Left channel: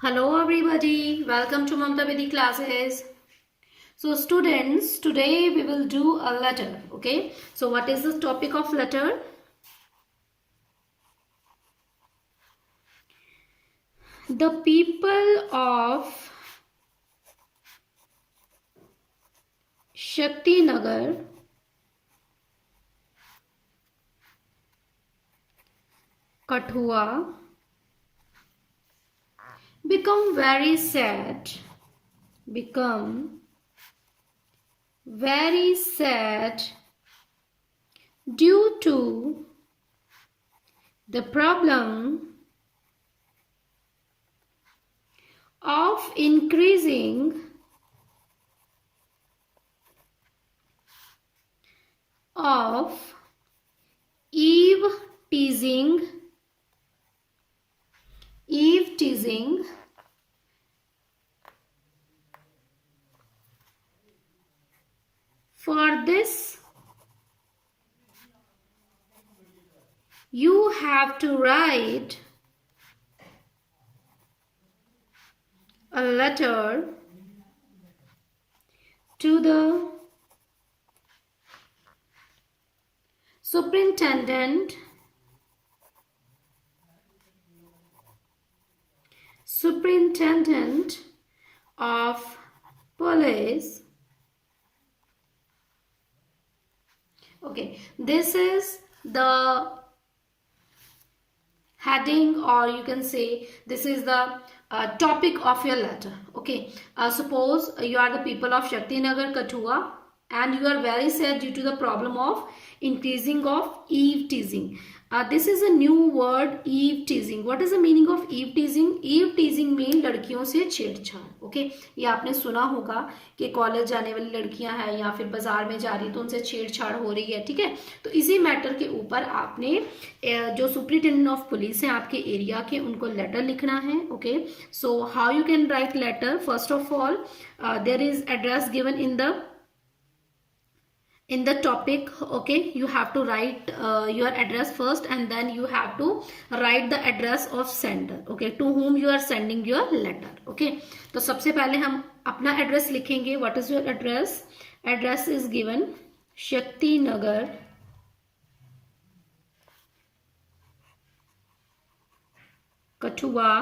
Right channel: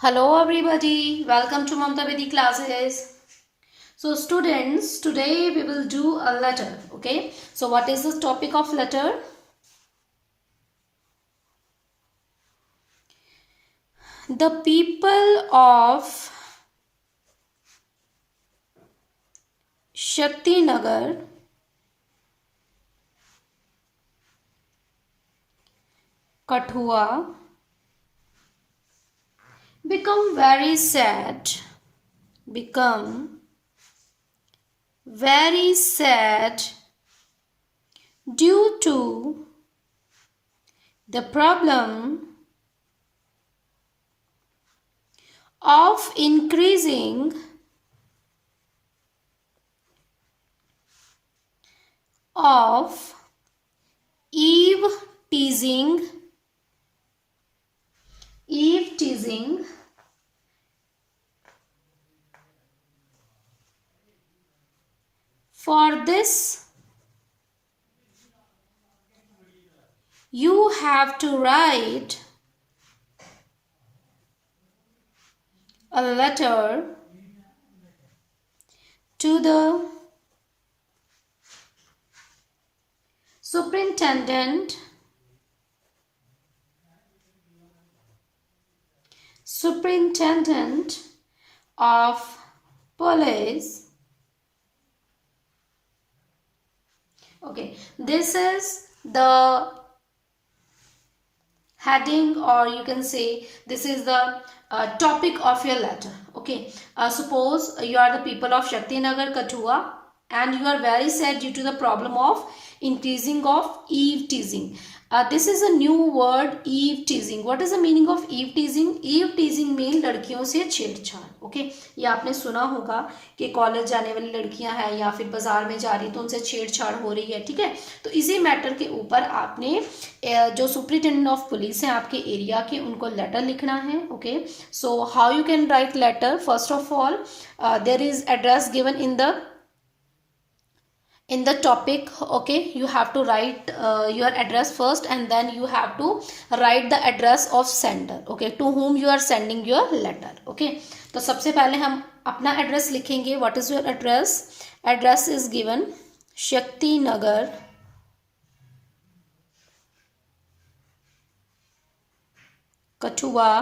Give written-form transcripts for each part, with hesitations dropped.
Hello everybody, welcome to Mamta Vidhi classes. So students, today we will do a letter, okay? So what is the topic of letter? The people of Shaktinagar Kathua become very sad, become very sad due to the problem of increasing of eve teasing for this you have to write a letter to the superintendent of police. Okay, this is the heading, or you can say this is the topic of your letter. Okay, suppose you are the people of Shaktinagar Kathua and you are very sad due to the problem of increasing of eve teasing. This is a new word, eve teasing. What is the meaning of eve teasing? Eve teasing mean लड़कियों से छेड़छाड़. ओके, ये आपने सुना होगा कि कॉलेज जाने वाली लड़कियां हैं या फिर बाजार में जा रही तो उनसे छेड़छाड़ हो रही है. ठीक है, तो इसी मैटर के ऊपर आपने जो सुपरिटेंडेंट ऑफ पुलिस हैं आपके एरिया के, उनको लेटर लिखना है. Okay, so how you can write letter? First of all there is address given in the topic. Okay, you have to write your address first and then you have to write the address of sender. Okay, to whom you are sending your letter. Okay, तो सबसे पहले हम अपना एड्रेस लिखेंगे. What is your address? Address is given Shakti Nagar Kathua.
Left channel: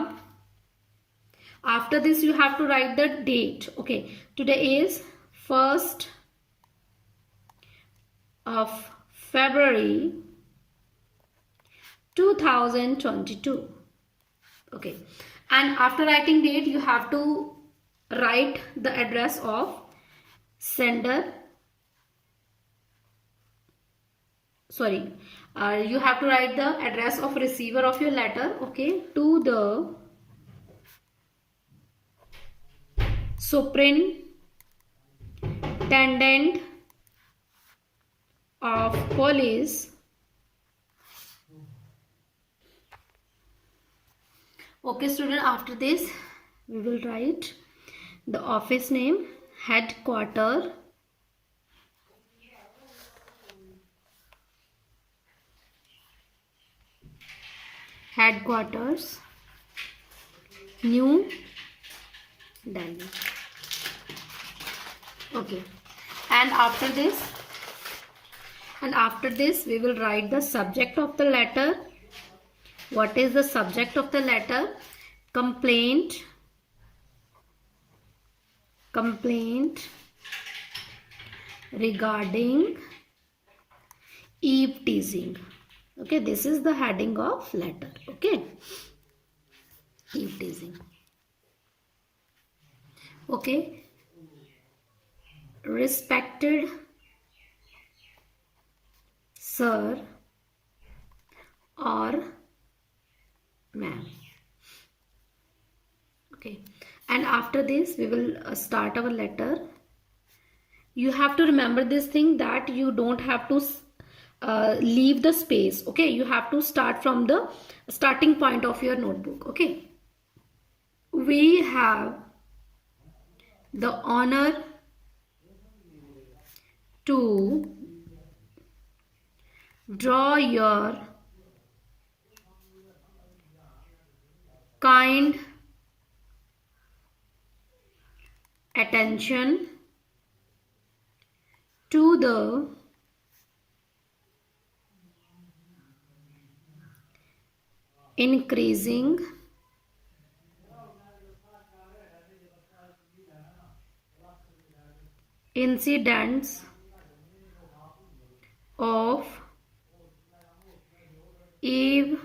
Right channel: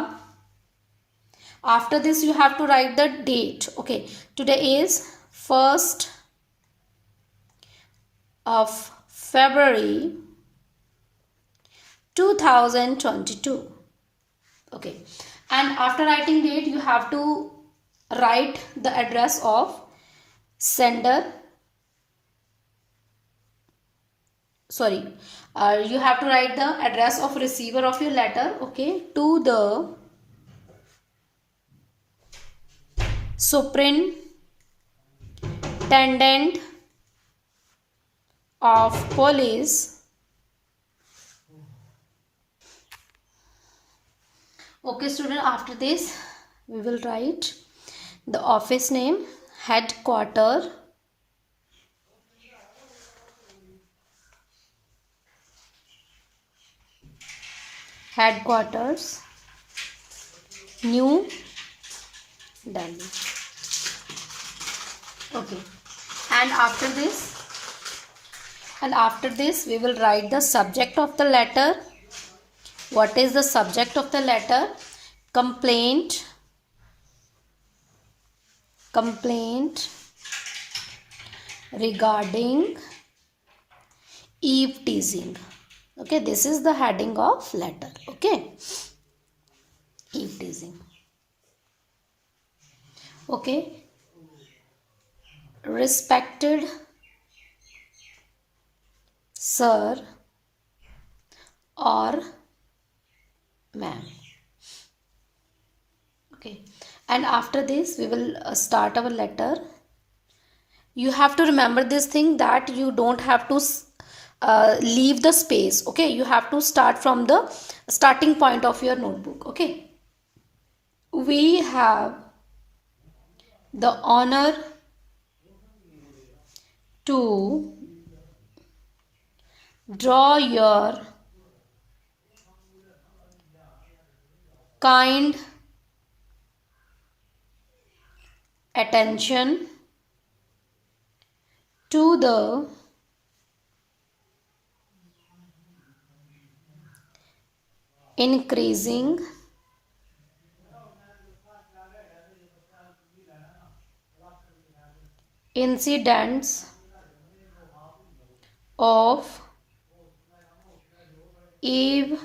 After this you have to write the date. Okay, today is 1st of February 2022. Okay, and after writing date you have to write the address of sender. Sorry, you have to write the address of receiver of your letter. Okay, to the superintendent of police. Okay student, after this we will write the office name, headquarters, New Delhi. Okay, and after this we will write the subject of the letter. What is the subject of the letter? Complaint regarding eve teasing. Okay, this is the heading of letter. Okay, eve teasing. Okay, respected sir or ma'am. Okay, and after this we will start our letter. You have to remember this thing that you don't have to leave the space. Okay, you have to start from the starting point of your notebook. Okay, we have the honor to draw your kind attention to the increasing incidents of eve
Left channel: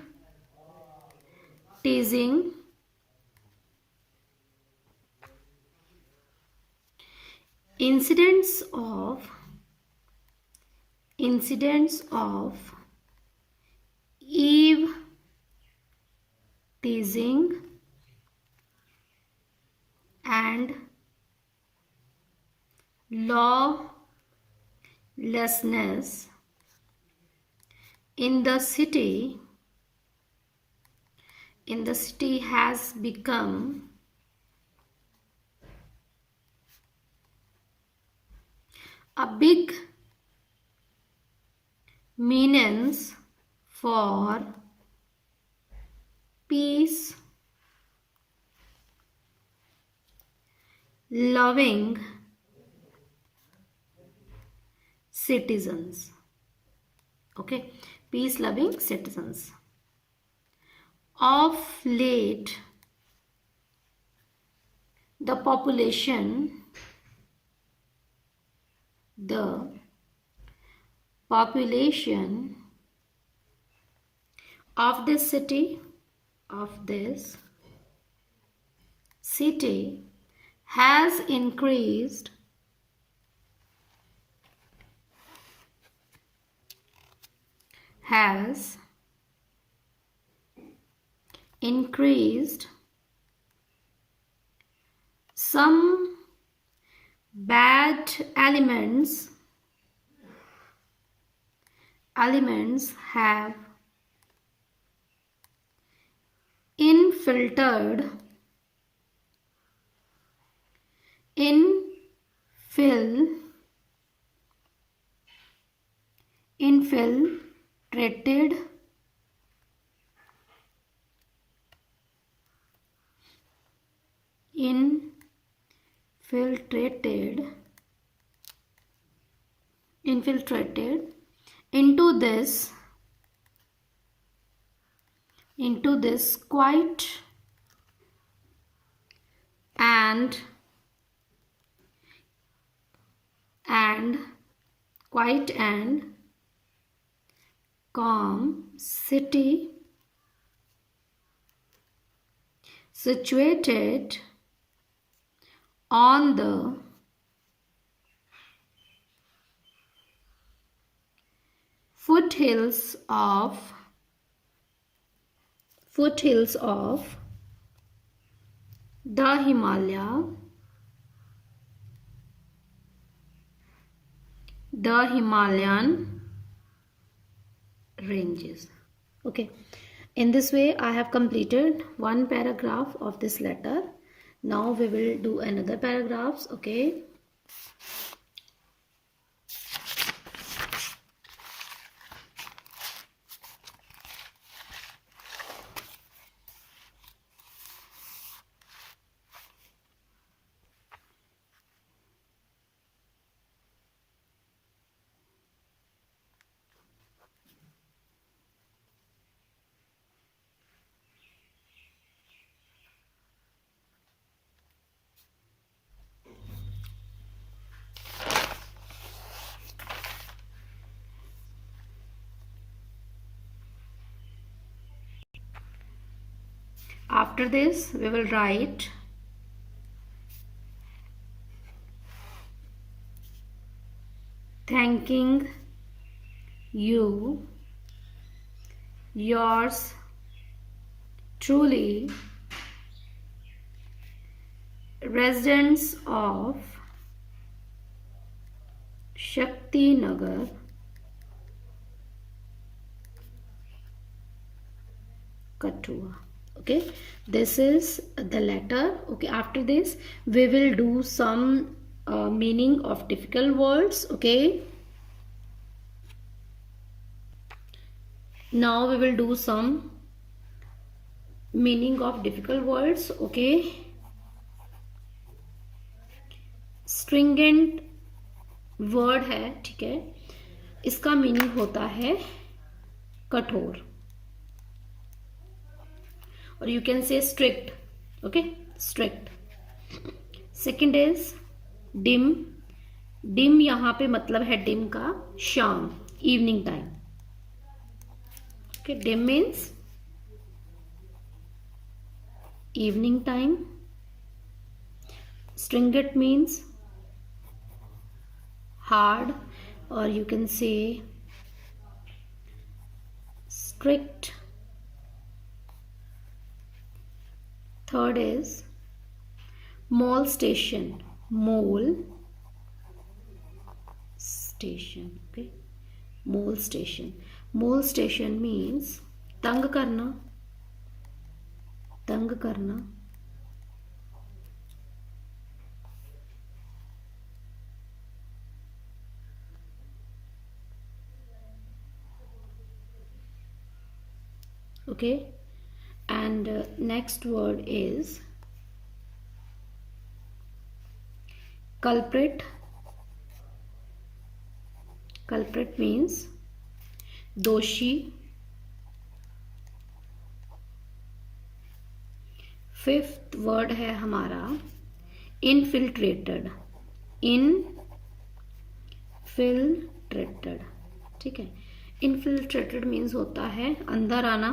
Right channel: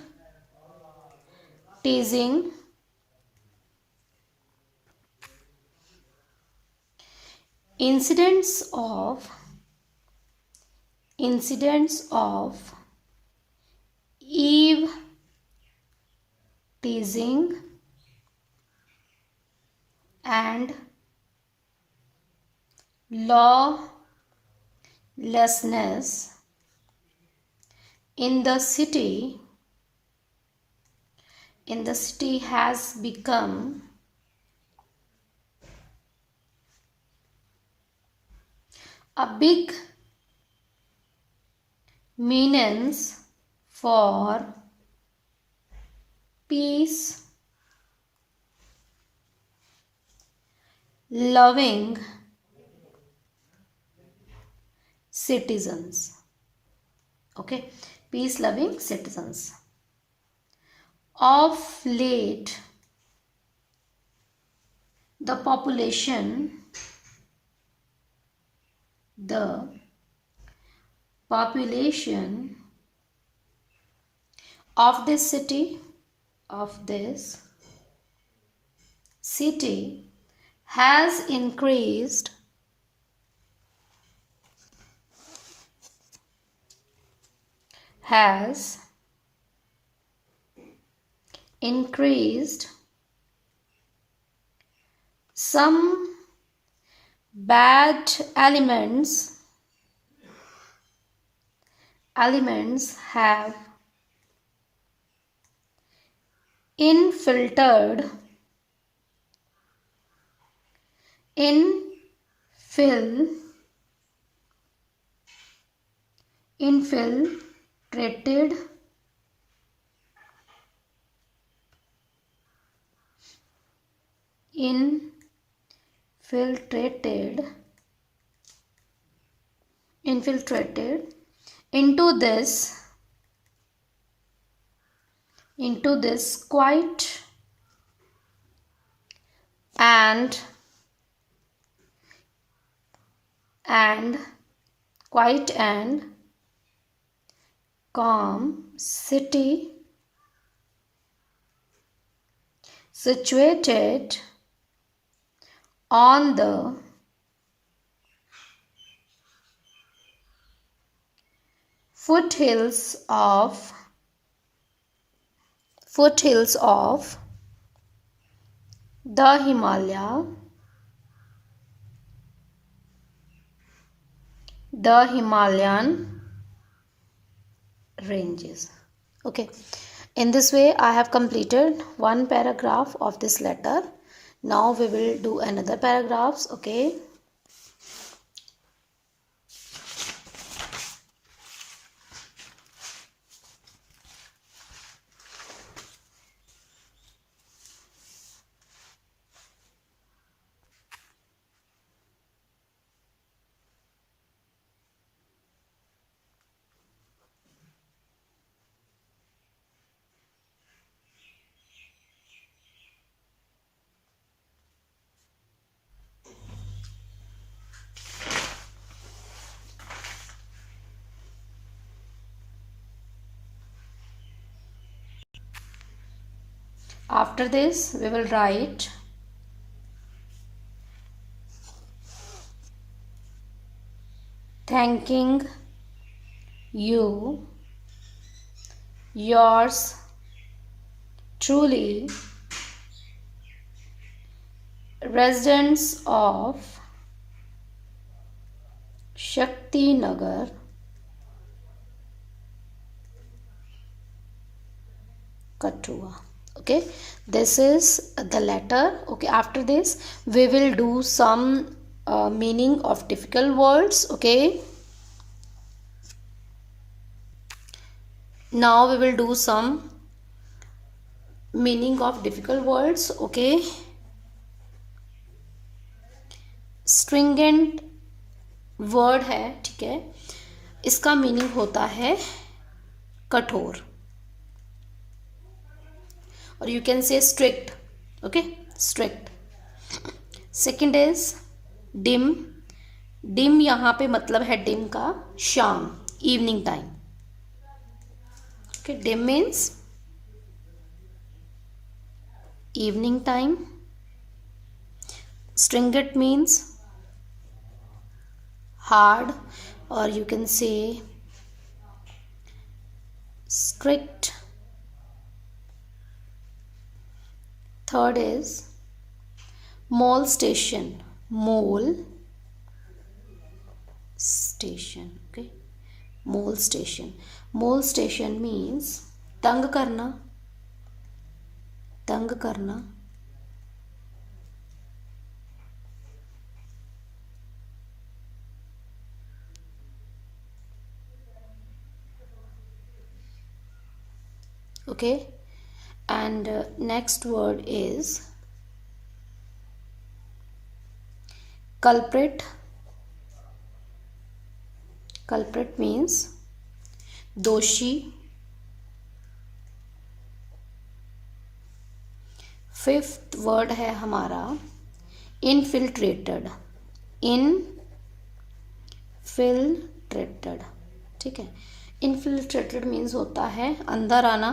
teasing, incidents of eve teasing and lawlessness in the city has become a big menace for peace loving citizens. Okay, peace loving citizens. Of late, the population of this city has increased some bad elements have infiltrated infiltrated into this quiet and calm city situated on the foothills of the Himalayan ranges. Okay, in this way I have completed one paragraph of this letter. Now we will do another paragraphs. Okay, after this we will write thanking you, yours truly, residents of Shakti Nagar, Kathua. Okay, this is the letter. Okay, after this we will do some meaning of difficult words. Okay, now we will do some meaning of difficult words. Okay, stringent word है, ठीक है, इसका मीनिंग होता है कठोर, और you can say strict, okay, strict. Second is dim. Dim यहाँ पे मतलब है डिम का शाम, evening time, okay, dim means evening time. Stringent means hard, or you can say strict. Third is molestation. Mole station, okay, molestation. Molestation means तंग करना, तंग करना। Okay, and next word is culprit. Culprit means दोषी। Fifth word है हमारा infiltrated. Infiltrated, ठीक है, infiltrated means होता है अंदर आना।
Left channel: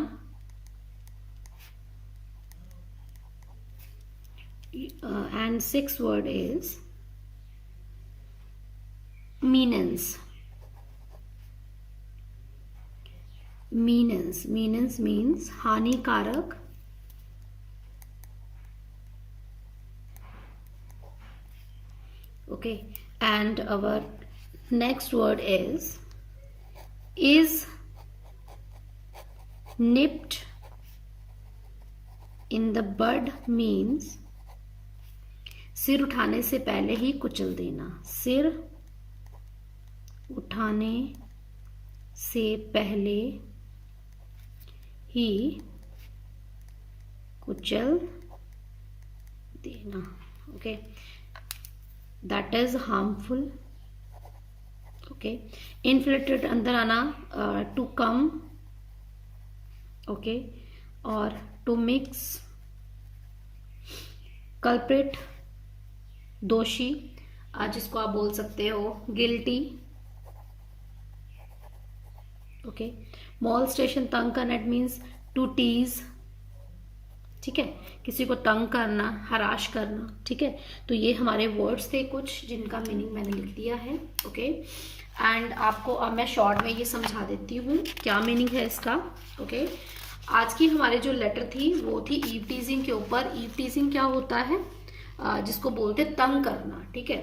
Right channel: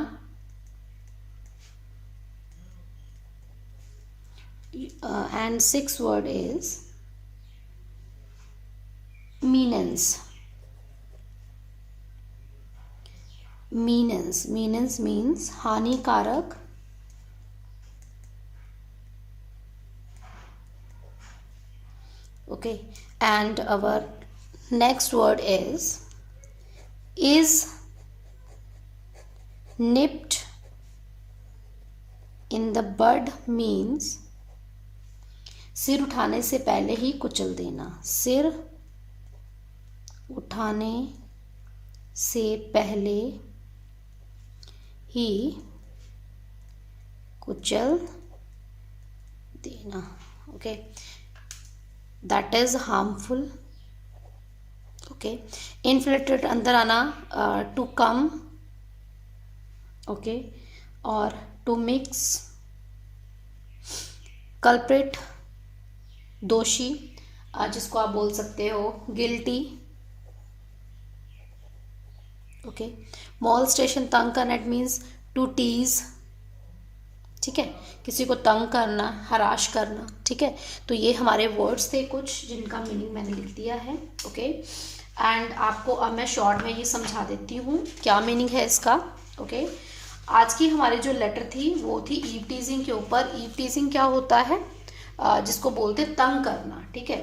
And sixth word is meanance. Meanance means हानिकारक। Okay, and our next word is nipped in the bud means सिर उठाने से पहले ही कुचल देना। सिर उठाने से पहले ही कुचल देना, okay, that is harmful. Okay, infiltrate अंदर आना, टू कम, ओके, और टू मिक्स। कल्प्रिट दोषी, जिसको आप बोल सकते हो गिल्टी। ओके, मॉलस्टेशन तंग करना, इट मीन्स टू टीज, ठीक है, किसी को तंग करना, हराश करना, ठीक है। तो ये हमारे वर्ड्स थे कुछ जिनका मीनिंग मैंने लिख दिया है। ओके, एंड आपको अब मैं शॉर्ट में ये समझा देती हूँ क्या मीनिंग है इसका। ओके, आज की हमारी जो लेटर थी वो थी ईव टीजिंग के ऊपर। ईव टीजिंग क्या होता है, जिसको बोलते तंग करना, ठीक है।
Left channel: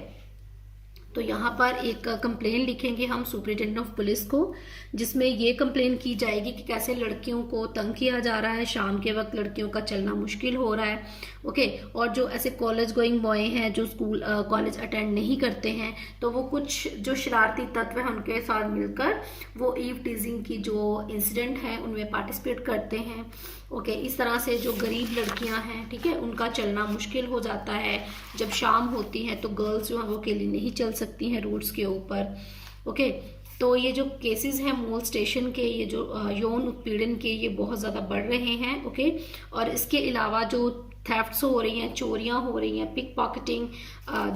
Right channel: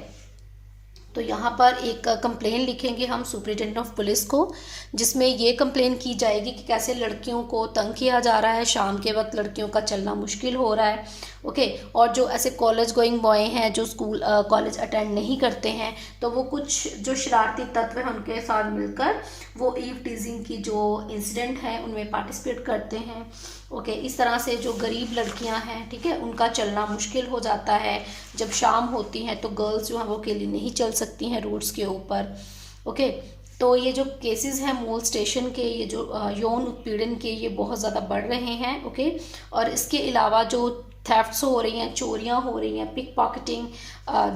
तो यहाँ पर एक कंप्लेन लिखेंगे हम सुपरिटेंडेंट ऑफ पुलिस को, जिसमें ये कंप्लेन की जाएगी कि कैसे लड़कियों को तंग किया जा रहा है, शाम के वक्त लड़कियों का चलना मुश्किल हो रहा है। ओके, और जो ऐसे कॉलेज गोइंग बॉय हैं जो स्कूल कॉलेज अटेंड नहीं करते हैं, तो वो कुछ जो शरारती तत्व हैं उनके साथ मिलकर वो ईव टीजिंग की जो इंसिडेंट हैं उनमें पार्टिसिपेट करते हैं। ओके, इस तरह से जो गरीब लड़कियां हैं, ठीक है, उनका चलना मुश्किल हो जाता है। जब शाम होती हैं तो गर्ल्स जो हैं वो अकेली नहीं चल सकती हैं रोड्स के ऊपर। ओके, तो ये जो केसेस हैं मोलस्टेशन के, ये जो यौन उत्पीड़न के, ये बहुत ज़्यादा बढ़ रहे हैं। ओके, और इसके अलावा जो थेफ्ट्स हो रही हैं, चोरियां हो रही हैं, पिक पॉकेटिंग,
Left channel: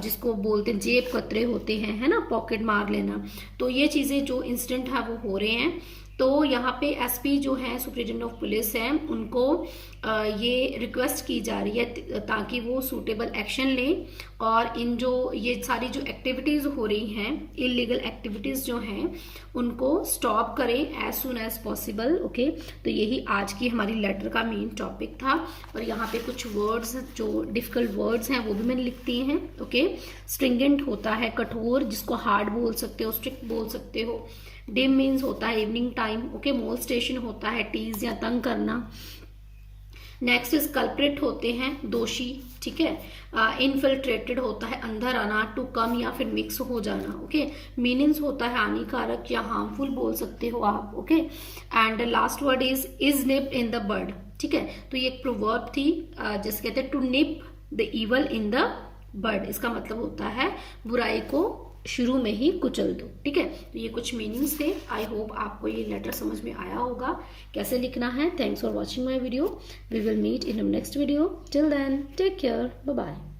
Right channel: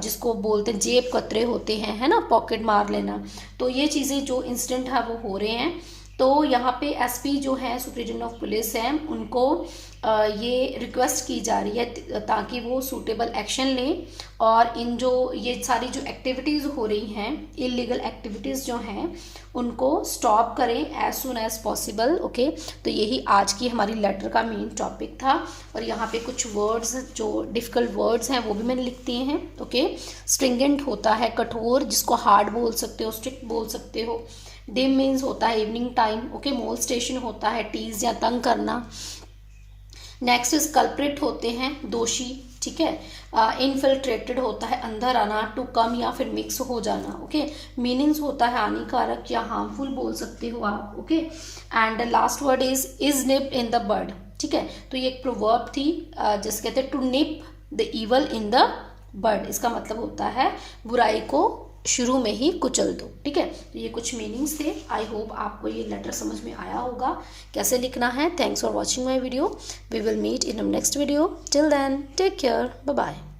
जिसको बोलते हैं जेब कतरे होते हैं, है ना, पॉकेट मार लेना, तो ये चीज़ें जो इंसिडेंट है वो हो रहे हैं। तो यहाँ पे एसपी जो है सुपरिटेंडेंट ऑफ पुलिस हैं, उनको ये रिक्वेस्ट की जा रही है ताकि वो सूटेबल एक्शन लें और इन जो ये सारी जो एक्टिविटीज़ हो रही हैं, इलीगल एक्टिविटीज़ जो हैं, उनको स्टॉप करें as soon as possible. Okay, तो यही आज की हमारी लेटर का मेन टॉपिक था। और यहाँ पे कुछ वर्ड्स जो डिफ़िकल्ट वर्ड्स हैं वो भी मैंने लिख दिए हैं। ओके, स्ट्रिंगेंट होता है कठोर, जिसको हार्ड बोल सकते हो, स्ट्रिक्ट बोल सकते हो। डिम मीन्स होता है इवनिंग टाइम। ओके, मोलस्टेशन होता है टीज या तंग करना। नेक्स्ट इज कल्प्रिट होते हैं दोषी, ठीक है। इनफिल्ट्रेटेड होता है अंदर आना, टू कम या फिर मिक्स हो जाना। ओके, मीनिंग्स होता है हानिकारक या हार्मफुल बोल सकते हो आप। Okay, and last word is nip in the bud, ठीक है। तो ये एक प्रोवर्ब थी जिसे कहते हैं to nip the evil in the bird, इसका मतलब होता है बुराई को शुरू में ही कुचल दो। ठीक है, तो ये कुछ मीनिंग्स थे। आई होप आपको ये लेटर समझ में आया होगा कैसे लिखना है। Thanks for watching my video. We will meet in next video. Till then take care, bye bye.